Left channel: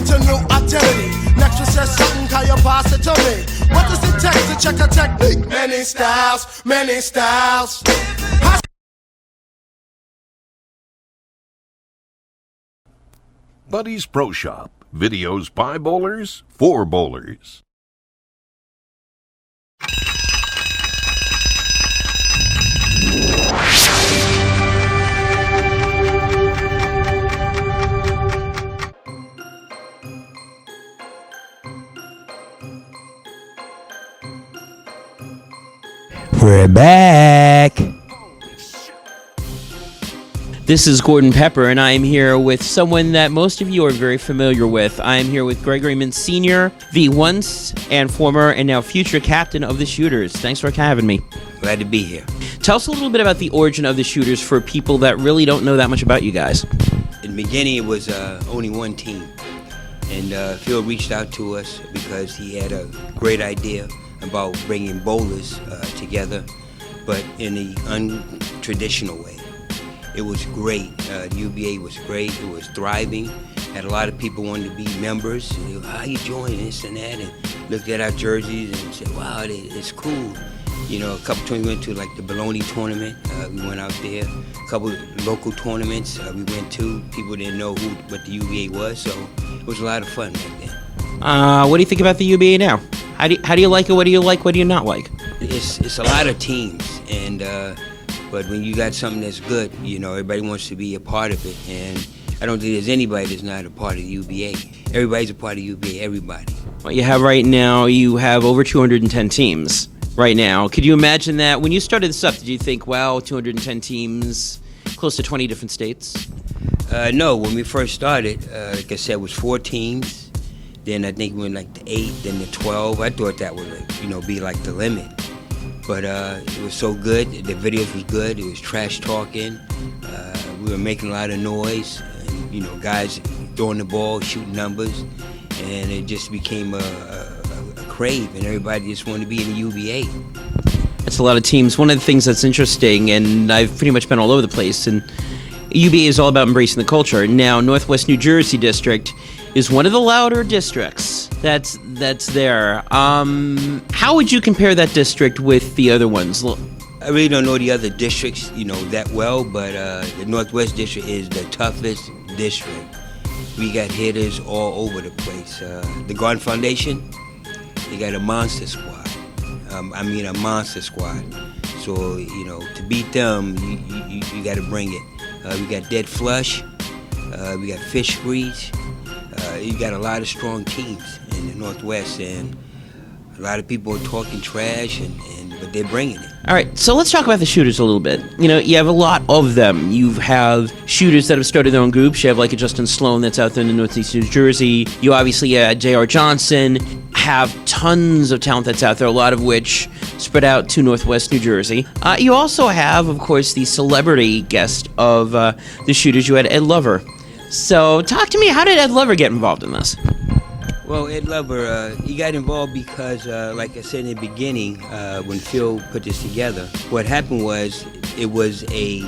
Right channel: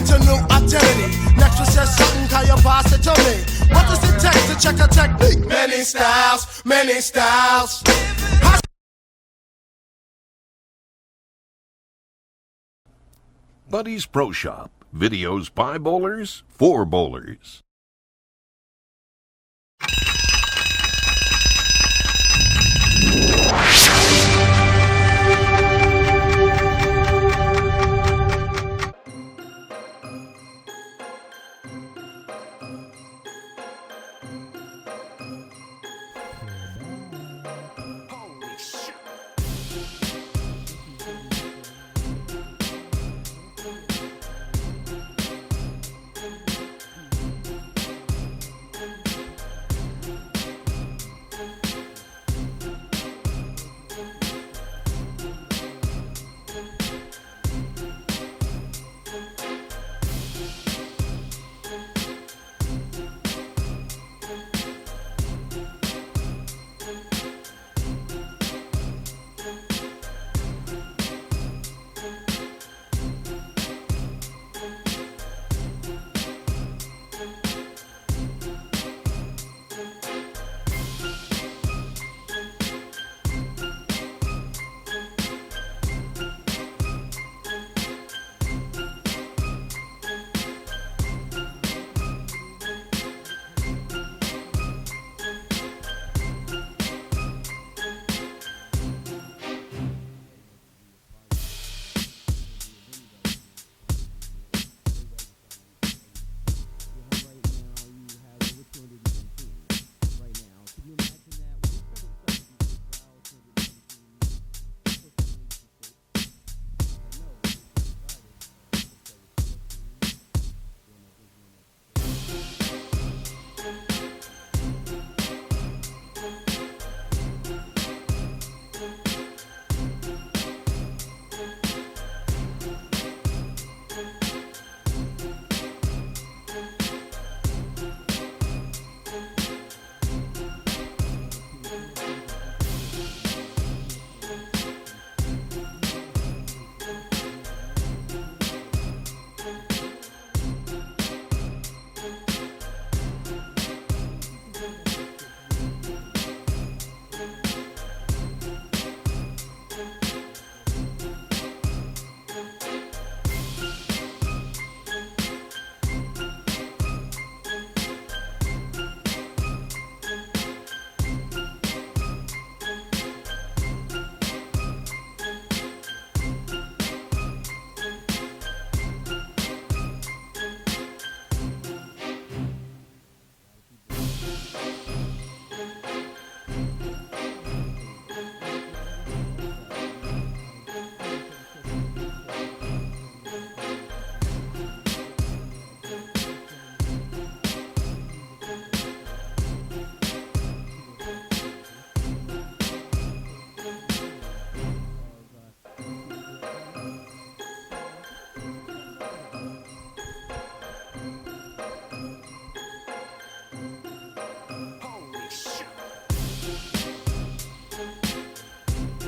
into new identity. Next one says something, how you pass it to me. What does it take to check a technique? Many styles, many styles. Buddy's Pro Shop. Videos by bowlers, for bowlers. We're back. This is Gordon Pepper, and I am here with someone that most of you are very familiar with. I am here with Gregory Mintz Sr., the once and former and now future captain of the Shooters. Thanks for having me. Glad to be here. Tell us a little bit about the origin of the Shooters for people that really don't know that much about you guys. In the beginning, it was only one team, and Phil reached out to us because he had a great idea about bringing bowlers together, but in an untraditional way. It was great. The UBA was great. It was thriving. Had a lot of people wanting to be members. They go, how you join this and that? And looked at our jerseys and said, wow, it's cool. You know, a couple times we went to like the Bologna tournament. We went out there. A couple local tournaments we went to. People didn't know what the UBA was, so it was a lot of fun back then. What do you think about the UBA now? How do you like it? What do you like? What do you not like? It's a lot of teams, and but when you got something that's good, you know, everybody wants to be a part of it, and I don't think there's anybody that's not a part of the UBA. Everybody's a part of the UBA, everybody. What you have right now, you have over 210 teams right now. Could you imagine that? When you started this up, did you think, wow, 210 teams, close to 20 different states? No, when we first started, like I said, it was 4 teams. Then I think we went like to 8, then to 12. I thought that would, be like the limit. But it was so good. The videos was good. It was trash talking. We were making a lot of noise. Guys throwing the ball, shooting numbers, and it just became a crave, and everybody just wanted to be in the UBA. That's a lot of teams. One of the things that's interesting, and I've pretty much been all over the place, and UBA is all about embracing the culture. Now, Northwest New Jersey District is one of the louder districts that's there. How would you compare that district with the other ones? I really don't know the other districts, that well, but the Northwest District is the toughest district. We got hitters all over the place. The Garden Foundation, you got a monster squad. A monster squad. So, to beat them, you got to bring it. We got Dead Flush. We got Fish Grease. You got a lot of strong teams in the Northwest, and a lot of people are talking trash, but they're bringing it. All right, so let's talk about the Shooters a little bit. You have a lot of them. You have shooters that have started their own groups. You have like a Justin Sloan that's out there in the Northeast New Jersey. You obviously, J.R. Johnson, have tons of talent that's out there, a lot of which spread out to Northwest New Jersey. You also have, of course, the celebrity guest of the Shooters. You had Ed Lover. So talk to me, how did Ed Lover get involved in this? Well, Ed Lover, he got involved because, like I said in the beginning, when Phil put this together, what happened was it was a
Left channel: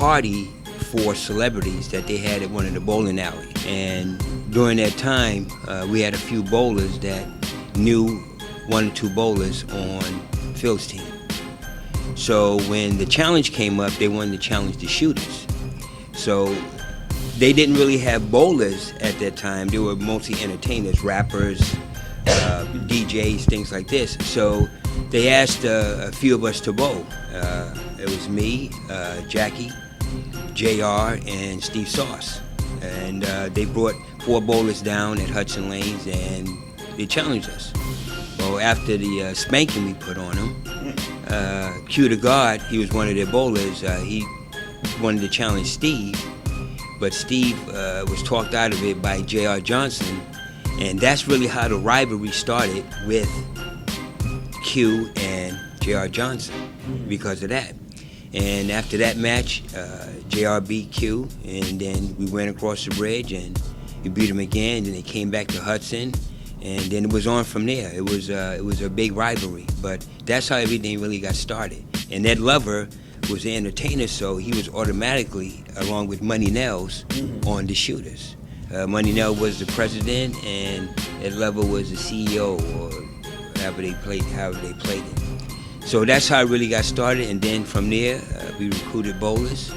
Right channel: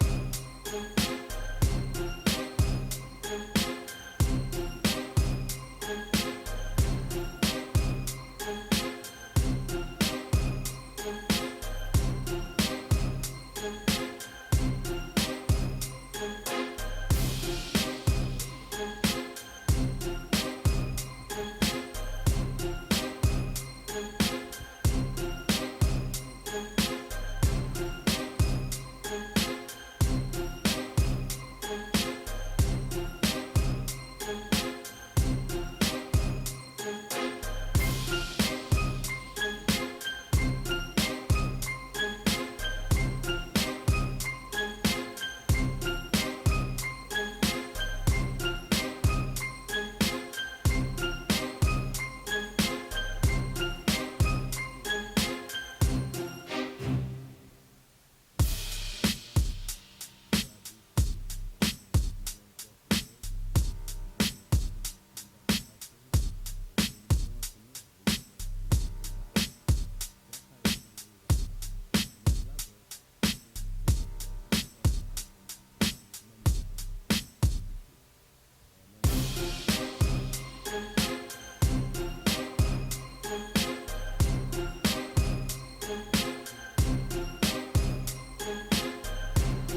party for celebrities that they had at one of the bowling alleys. And during that time, we had a few bowlers that knew 1 or 2 bowlers on Phil's team. So when the challenge came up, they wanted to challenge the Shooters. So they didn't really have bowlers at that time. They were mostly entertainers, rappers, DJs, things like this. So they asked a few of us to bowl. It was me, Jackie, JR, and Steve Sauce. And they brought 4 bowlers down at Hudson Lanes, and they challenged us. Well, after the spanking we put on them, Q the God, he was one of their bowlers, he wanted to challenge Steve. But Steve was talked out of it by J.R. Johnson, and that's really how the rivalry started with Q and J.R. Johnson because of that. And after that match, J.R. beat Q, and then we went across the bridge and we beat him again, and they came back to Hudson, and then it was on from there. It was a big rivalry, but that's how everything really got started. And Ed Lover was an entertainer, so he was automatically, along with Money Nels, on the Shooters. Money Nell was the president, and Ed Lover was the CEO, or however they played it. So that's how it really got started, and then from there, we recruited bowlers,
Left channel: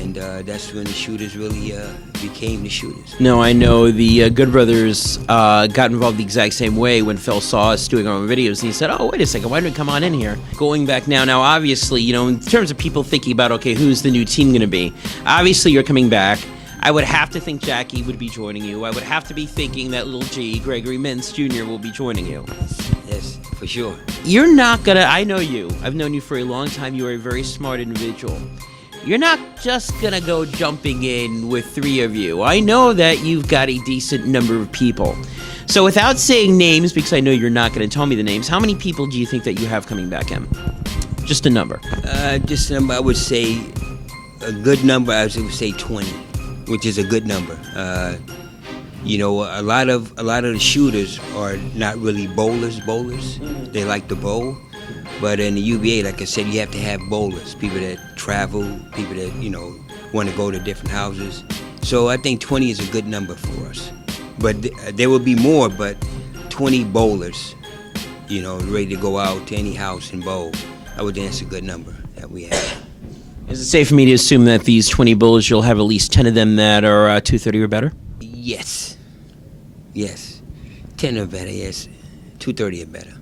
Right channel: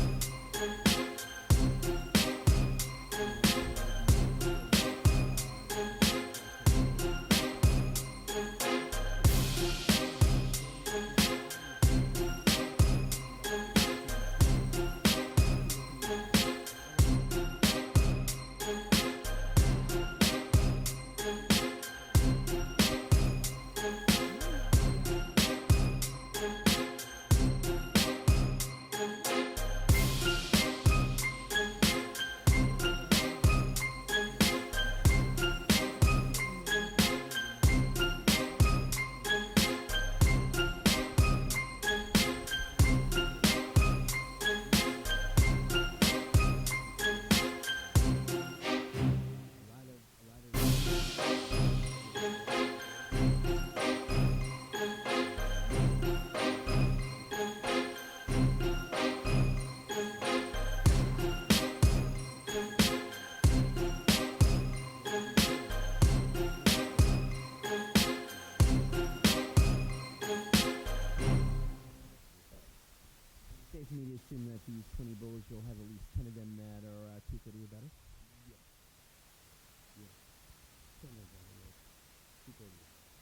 and that's when the shooters really became the shooters. No, I know the Good Brothers got involved the exact same way when Phil saw us doing our own videos, and he said, oh, wait a second, why did we come on in here? Going back now, obviously, you know, in terms of people thinking about, okay, who's the new team going to be? Obviously, you're coming back. I would have to think Jackie would be joining you. I would have to be thinking that little G, Gregory Mintz Jr., will be joining you. Yes, for sure. You're not gonna, I know you. I've known you for a long time. You are a very smart individual. You're not just gonna go jumping in with 3 of you. I know that you've got a decent number of people. So without saying names, because I know you're not gonna tell me the names, how many people do you think that you have coming back in? Just a number. Just a number, I would say a good number, I would say 20, which is a good number. You know, a lot of the shooters are not really bowlers. They like to bowl. But in the UVA, like I said, you have to have bowlers, people that travel, people that, you know, want to go to different houses. So I think 20 is a good number for us. But there will be more, but 20 bowlers, you know, ready to go out to any house and bowl. I would think it's a good number that we have. Is it safe for me to assume that these 20 bowlers, you'll have at least 10 of them that are 230 or better? Yes. 10 or better, yes. 230 or better.